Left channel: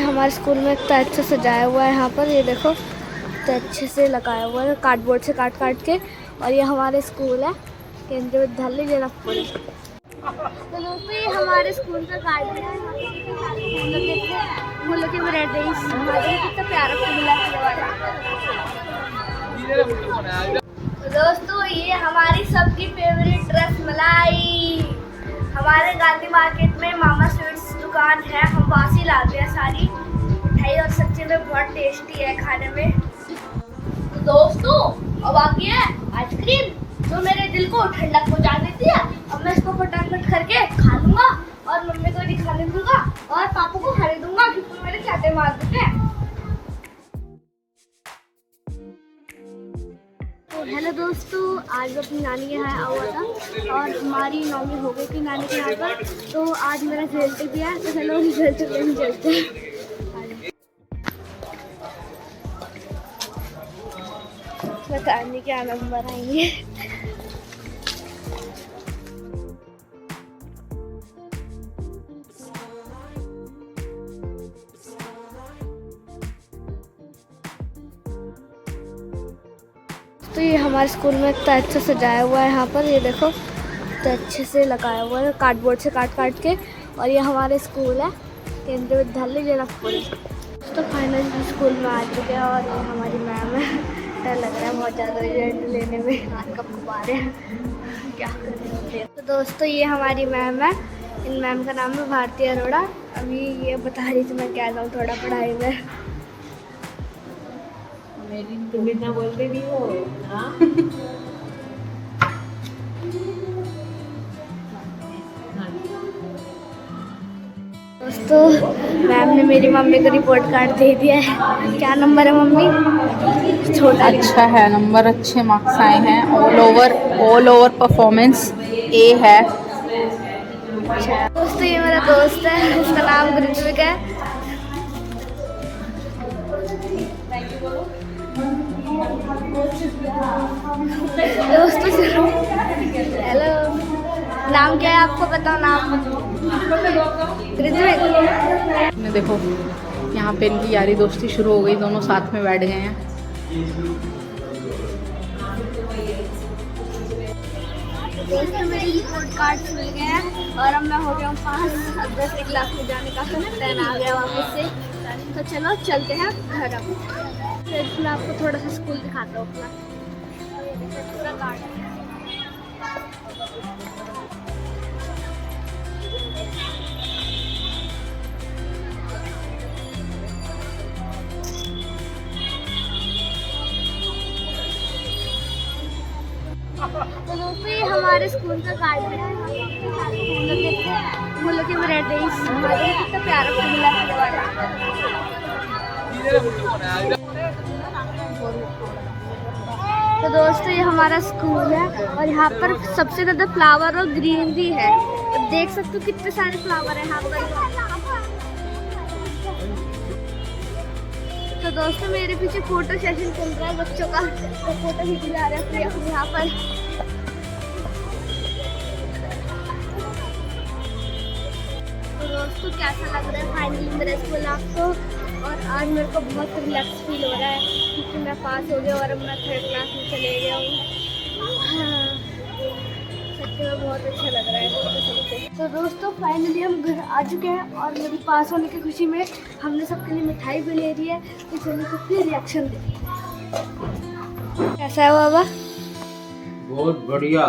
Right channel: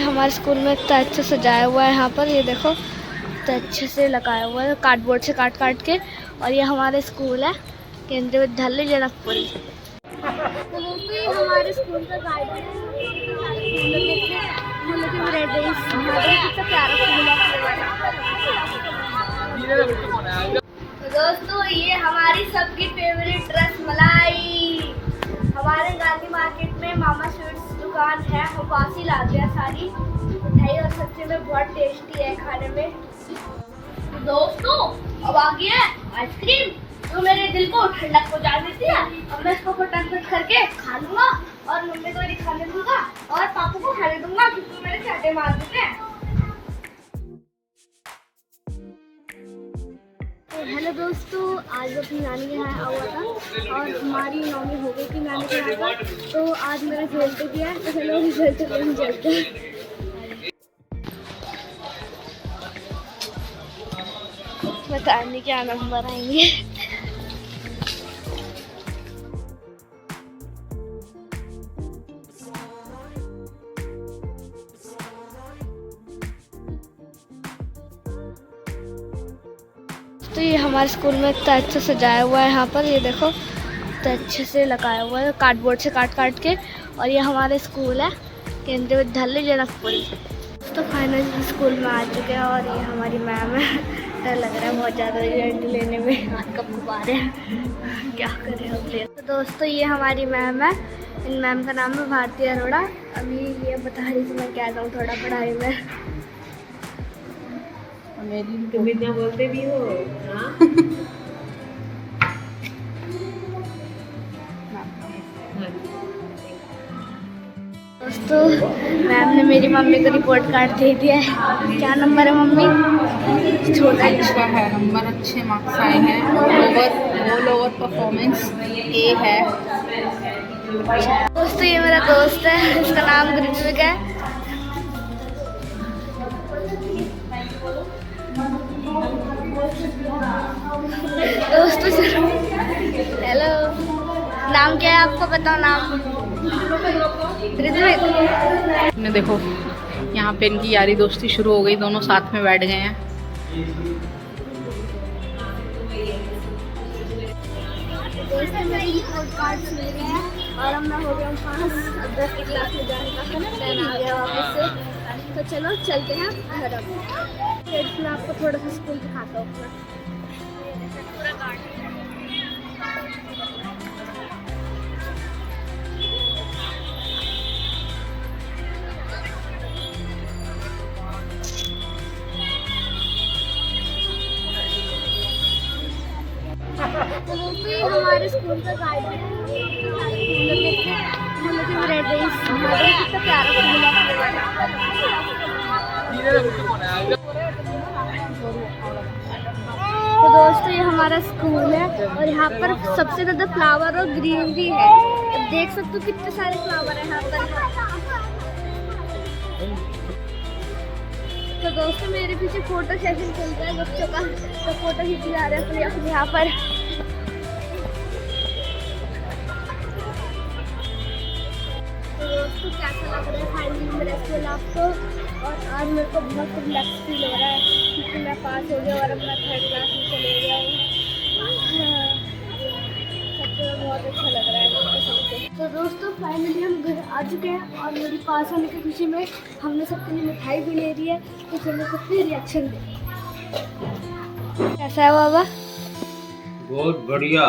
हमारे स्कूल में इतना अच्छा सजाया हुआ है। यहाँ पर ये देखो इतना अच्छे से लगाया हुआ है कार्डबोर्ड से काट काट के। और ये हमारे स्कूल है केंद्रीय विद्यालय जनकपुरी। तो दोस्तों ये हमारे स्कूल का गार्डन है। यहाँ पे कितने सारे फूल लगे थे, फूलों की वैरायटीज कितना प्यारा फूल है। तो दोस्तों ये हमारी सबकी फेवरेट रसमलाई। हमारे गांधी मार्केट में मामा स्वीट्स दुकान है, हम वहाँ से लाते हैं सारी मिठाई और सच्ची में बहुत टेस्टी है खाने में। तो दोस्तों अब आ गई है आइसक्रीम जो मेरे दिल को ठंडक पहुंचा देती है। अब मैं इसको फटाफट करके खा लूंगा और मम्मी को भी खाने दूंगा और पापा को खाने दूंगा क्योंकि मेरे चाटे मार देते हैं। तो हेलो दोस्तों, आज मैं अपनी नानी के यहाँ आया हुआ था और हमारी नौमी हो गई थी नानी के यहाँ पर। तो आज मेरा खेलते भी है, तो चलो खेलते हैं। बताने क्या नंबर आएंगे। तो ये हमारे स्कूल में इतना अच्छा सजाया हुआ है। यहाँ पर ये देखो इतना अच्छे से लगाया हुआ है कार्डबोर्ड से काट काट के। और ये हमारे स्कूल है केंद्रीय विद्यालय जनकपुरी। तो फाइनली स्कूल में आ चुके हैं और ये हमारी मैम है। डर लग रहा है बहुत ज़्यादा रिजल्ट लेने में, हाथ कब गुब्बारे हैं क्या करें। तो दोस्तों ये हमारी मैम है, इन मैम का नाम है भारती अरोड़ा। अभी ये बता रही थी मैं क्या जाऊँ थोड़ा पढ़ाई में। मेरी तुम इतना बोलते भी हो। हाँ दोस्तों मैम ने मेरी मम्मी को रिपोर्ट कार्ड दे दिया है। क्या नंबर है मम्मी? छोटा अच्छा है, नंबर अच्छे मार्क्स आए हैं। ऑल ओवर परफॉर्मेंस ए है। दोस्तों ये मेरा दोस्त है, इसका नाम गुरजीत है। दोस्तों चलो हेलो, नाम क्या है आपको बताओ नाम? ने देखो यहाँ पे इनकी यारी दोस्ती शुरू हो गई, दोनों साथ में बैठ गए हैं। दोस्तों मेरे रिपोर्ट कार्ड्स मिल गए हैं और अब मैं हो गया हूँ पास। अब 10 क्लास में जाने का प्लान आ गया वापस से। तो चलो चलते हैं घर। अब फिर मैं आपको थोड़ा सा स्कूल दिखाता हूँ अपना पूरा गार्डन। तो दोस्तों ये हमारे स्कूल का गार्डन है। फूलों की वैरायटीज कितना प्यारा फूल है। तो दोस्तों ये हमारा स्कूल है और यहाँ पर सबसे ज़्यादा फ्लावर और ग्रीनरी है। अब देख सकते हो कितने सारे फ्लावर हैं यहाँ पर। तो दोस्तों मेरे पीछे फोटो सेशन चल रहा है बच्चों का, तो फोटो खींच जा रहे हैं अपने यहाँ पर। तो दोस्तों कैसा लग रहा है फाइनली मेरा स्कूल आपको? और आज मेरे को बहुत रिलैक्स फील हो रहा है क्योंकि मैं पास हो गया और अब मैं 3rd क्लास में चले गया हूँ। हाँ, सच में बहुत अच्छा लग रहा है सबसे। तो दोस्तों फाइनली हम घर आ चुके हैं और मेरी पास होने की खुशी में हमने सबके लिए मिठाई भी ले ली है। तो चलो सबके रिएक्शन दे। कैसा है बाबा? बहुत बढ़िया,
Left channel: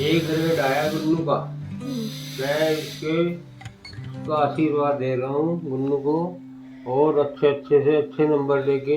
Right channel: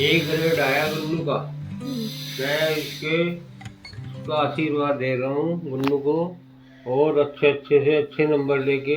एक ग्रेड आया गुन्नू का। मैं इसके का आशीर्वाद दे रहा हूँ गुन्नू को, और अच्छे से अच्छे नंबर लेके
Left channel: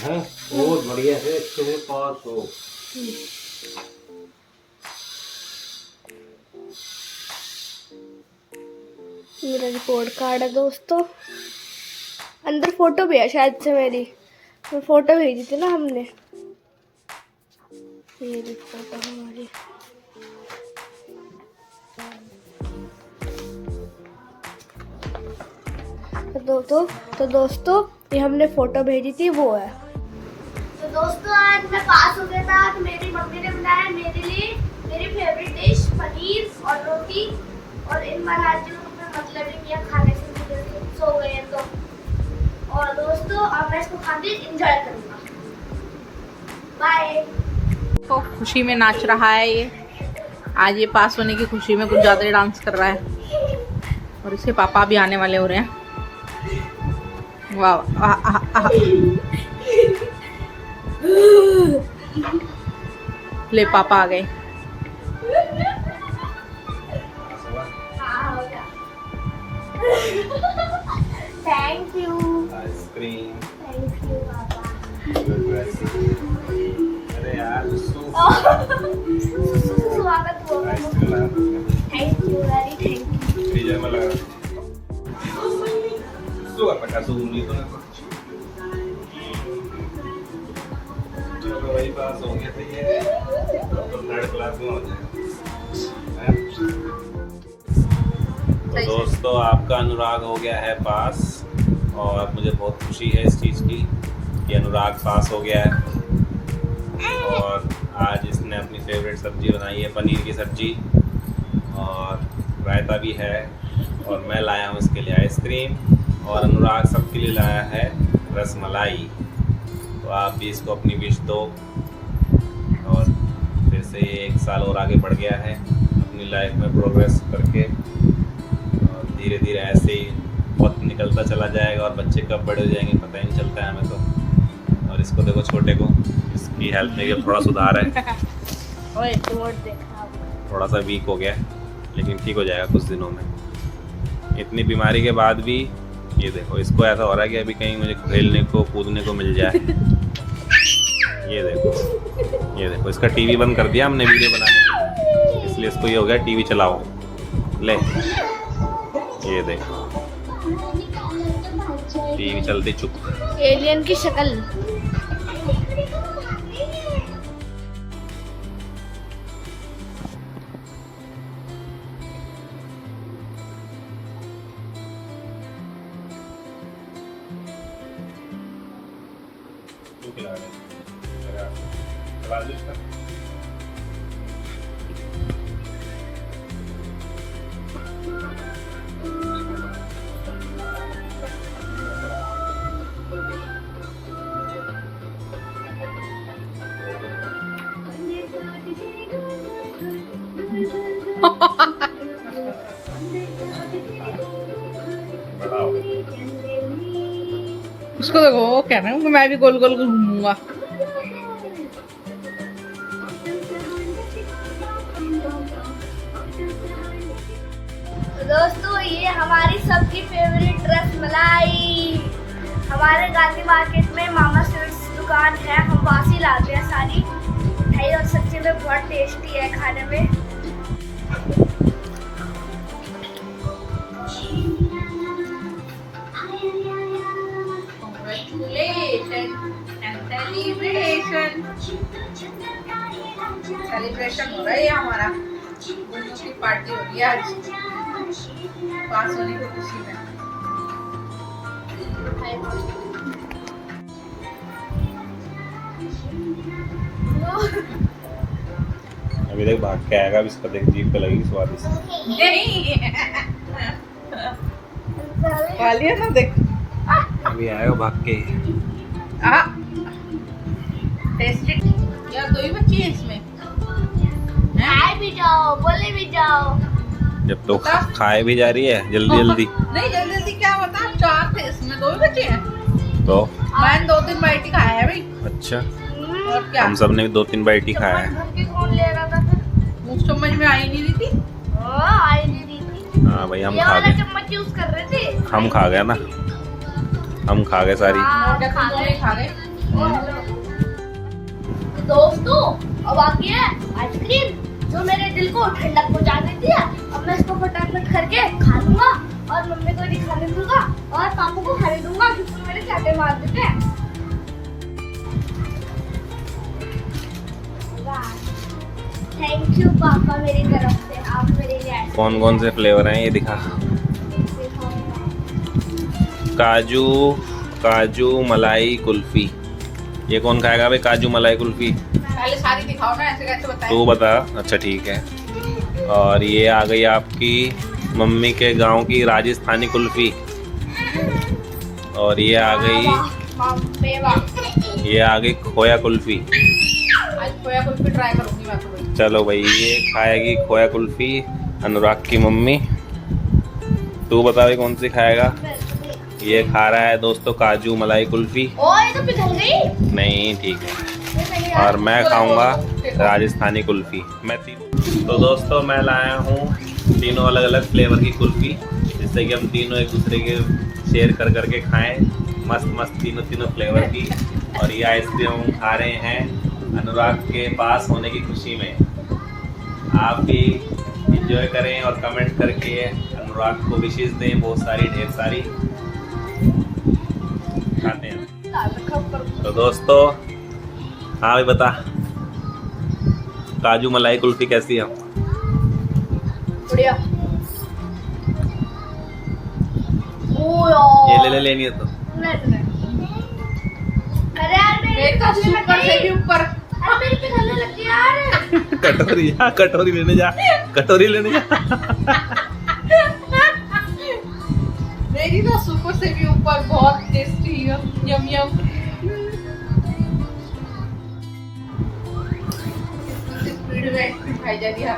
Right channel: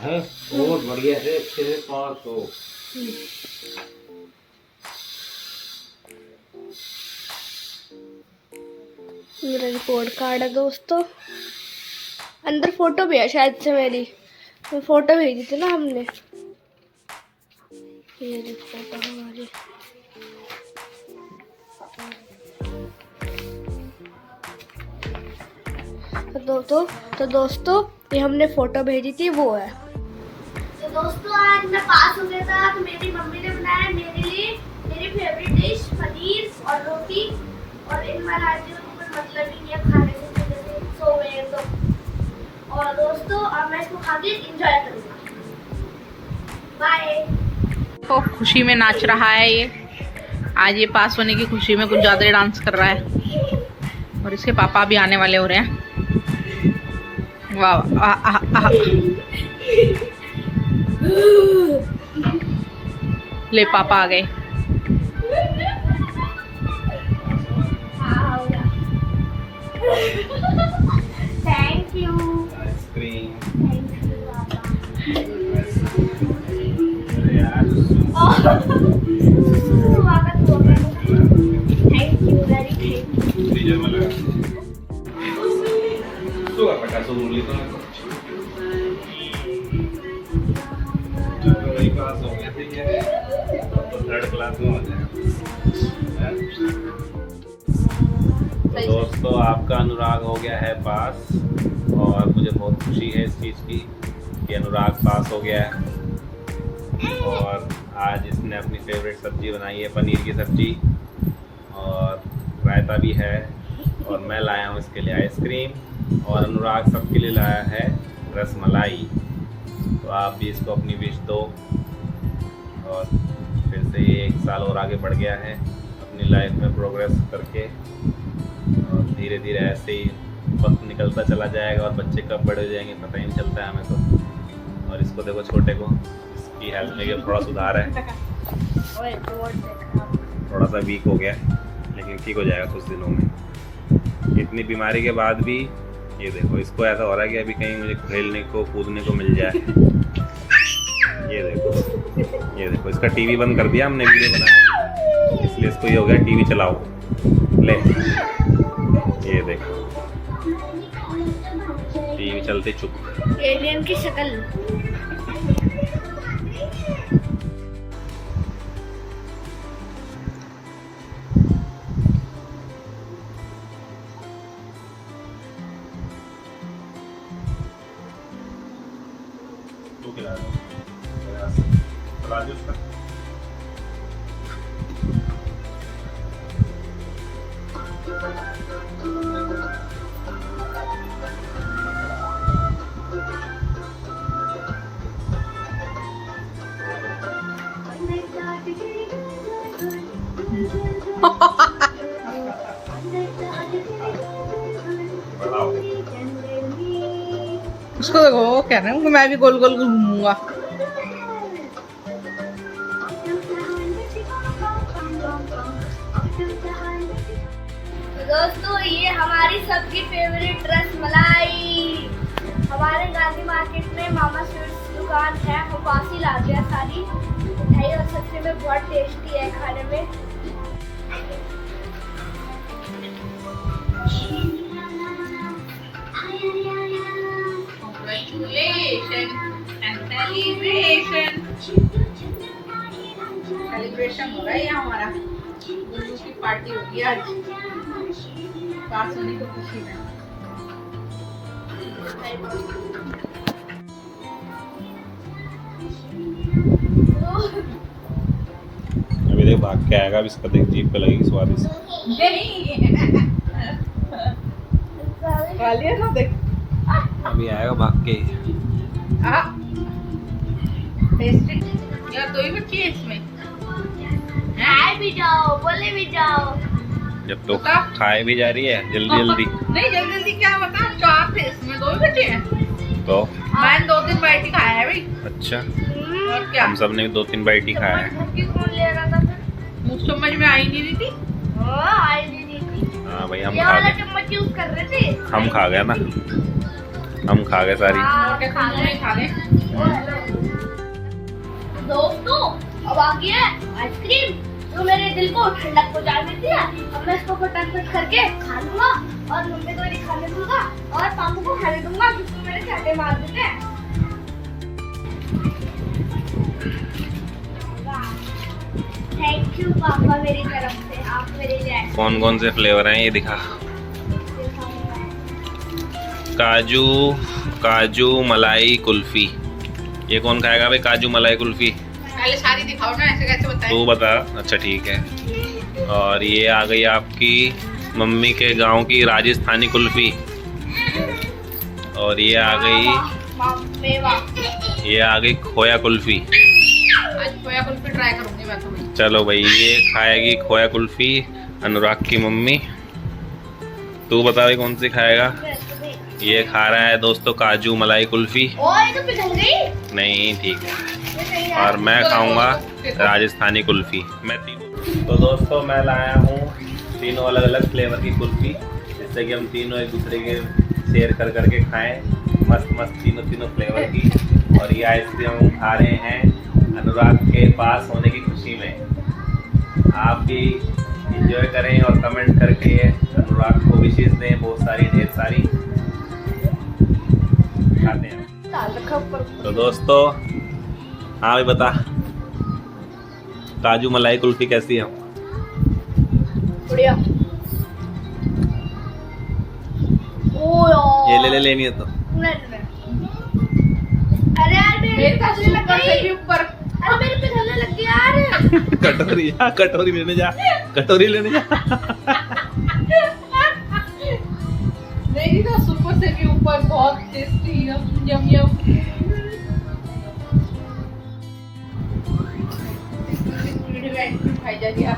हैं और बढ़िया से अच्छे से पास हो। मेरा रिपोर्ट कार्ड है दोस्तों, अंदर फोटो भी है शायद से मेरी, तो फोटो भेजी थी ना हमने। ये फोटो हमारी। तो दोस्तों ये हमने फोटो भेजी थी वो है। तो दोस्तों आज मैं पास हो गया था, तो मेरी मम्मी ने बनाया मेरे लिए मेरी फेवरेट डिश पनीर और रोटी। और इन महाराज जी को मतलब नहीं किया खाने से, सो गए तो दोस्तों और मैं इसको खा के एंजॉय करूंगा। बाय। तो खुशी में नाच रहा है ये। आज ये पास होने की खुशी में कुछ ज़्यादा डांस कर रहा है। और इसके पापा भी आने वाले हो रहे हैं। वाह वाह। ले पापा आ गए। Thank you. Ice cream. Thank you पापा। अरे यार thank you very thank you. Freezer में लगा तो रखा तो उंगली तो वही पास हो गया ठीक है, तो थर्ड क्लास में हो जाएगा। तो दोस्तों आपका अनुराग हो गया है पास और मुझे बहुत खुशी है इस चीज़ की कि अनुराग पास हो गया है। और आज इसने अपनी फेवरेट सब्ज़ी बनाई है, पनीर की सब्ज़ी और रायता भी है। और मैं लाया हूँ इसके लिए आइसक्रीम और अनुराग सबके लिए लाया है रसमलाई। तो आप भी इसको अपनी विश दो। और फिर से ये 1 साल और आगे बढ़ गया है अपनी लाइफ में प्रोग्रेस करके। और धीरे धीरे ऐसे ही वक्त निकलता चला जाएगा और बच्चे कब बड़े हो जाएंगे पता ही नहीं चलता है हमें तो। और इसको देखो छोटे को, इसकी हेल्थ में थोड़ा सुधार है, थोड़ा सा वीक हो गया लेकिन ठीक हो जाएगा कुछ दिनों में। इतनी बीमारी के बाद भी ये देखो इसको ऐसा हो रहा है कि अभी कहीं मुझे खेलने को कूदने को मिल जाए। ये देखो इसका टीवी बंद कर दिया हमने वीडियो बनाने के लिए, इसलिए इसको ये हो गया टीवी चलाओ ले। ये देखो टीवी चलते चुप। एलियन की शक्ल। उसको देखो वो कह रहे हैं कि मैं भी गोल गोल घूमूंगा। तो दोस्तों ये हमारी सबकी फेवरेट रसमलाई हमारे गांधी मार्केट में मामा स्वीट्स दुकान है, हम वहाँ से लाते हैं सारी मिठाई और सच्ची में बहुत टेस्टी है खाने में। सेलिब्रेशन हो रहा है हमारा, गुल्लू की पार्टी हो रही है आज पास होने की खुशी में। अभी देख भाग के आएगा, अभी इसका देख जीभ पे लगेगी स्वादिष्ट। ना देख अभी आएगा भाग के। टेस्टी यार, 2 ही बच्ची है इसमें। खाए भी जाओ, बोले भी जाओ। जब तो खाए भी जा रही है जल्दी जल्दी। नहीं जल्दी जल्दी क्या बता, 4 थे इसमें, 2 ही बचे हैं। तो मैंने 2-3 बाइट ही खाया है भाई। अच्छा और क्या, हम सब ने 2-3 बाइट ही खाया है। कौन ले रहा था फिर? मुझ समझ में आई नहीं रही थी। आई नहीं थी। हाँ भाई हम ये खा वाला गए, चम्मच यूज कर रहे थे। हम खा गए ना, हम खा गए सारी। हाँ, खा गए। दोस्तों अब आ गया है आइसक्रीम जो मेरे दिल को ठंडक पहुंचा देती है। अब मैं इसको फटाफट करके खा लूंगा और मम्मी को भी खाने दूंगा और पापा को खाने दूंगा क्योंकि मेरे चाटे मार देते हैं। थैंक यू पापा मेरी तरफ से, आप मेरे लिए आए। कौन कौन से फ्लेवर हैं ये दिखा। काजू काजू मलाई कुल्फी। ये कौन खाएगा भाई काजू मलाई कुल्फी? पहले सारी दिखाओ ना, ऐसे कैसे बताएं? तू बता। अच्छा ठीक है। और ये आ गई आपकी मम्मी के गांव की राजस्थानी कुल्फी। और ये आ गई मेवा। ये आ गई खोया कुल्फी। आज खोया कुल्फी ट्राई करूंगी मैं तो भाई। चलो भाई, ये खाएगी खोया कुल्फी अनुराग की मम्मी। तू बता भाई कौन सी खाएगा? ये खा रहा है दोस्तों काजू मलाई कुल्फी। ओह ये तो पिघल गई। नहीं ठीक है। और मैं खाऊंगा राजस्थानी कुल्फी। मैं तो दोस्तों मैं लाया हूँ तीनों अलग अलग फ्लेवर की कुल्फी, जिससे कि हम तीनों एक दूसरे के शेयर कर करके खाएं। मस्त मस्त तीनों फ्लेवर की। और ये आइसक्रीम हम खा रहे हैं अनुराग के पास होने की खुशी में। आप भी इंजॉय करें और कमेंट करके अनुराग को विशेष दें, बहुत सारी, ढेर सारी। खाते हैं तो दोस्तों। हाँ भाई बता, काजू मलाई कुल्फी कैसी है? बढ़िया। ये ले लेनी है तो। अरे यार देखा सुपर से भी ऊपर। अरे मेरे पे चलने लग गया यार। कटोरी जा, कटोरी लेने जा, कटोरी लेने जा। मेरी तो सुपर से भी ऊपर बहुत टेस्टी यम यम। स्पीड में आइसक्रीम खाई जा रही है।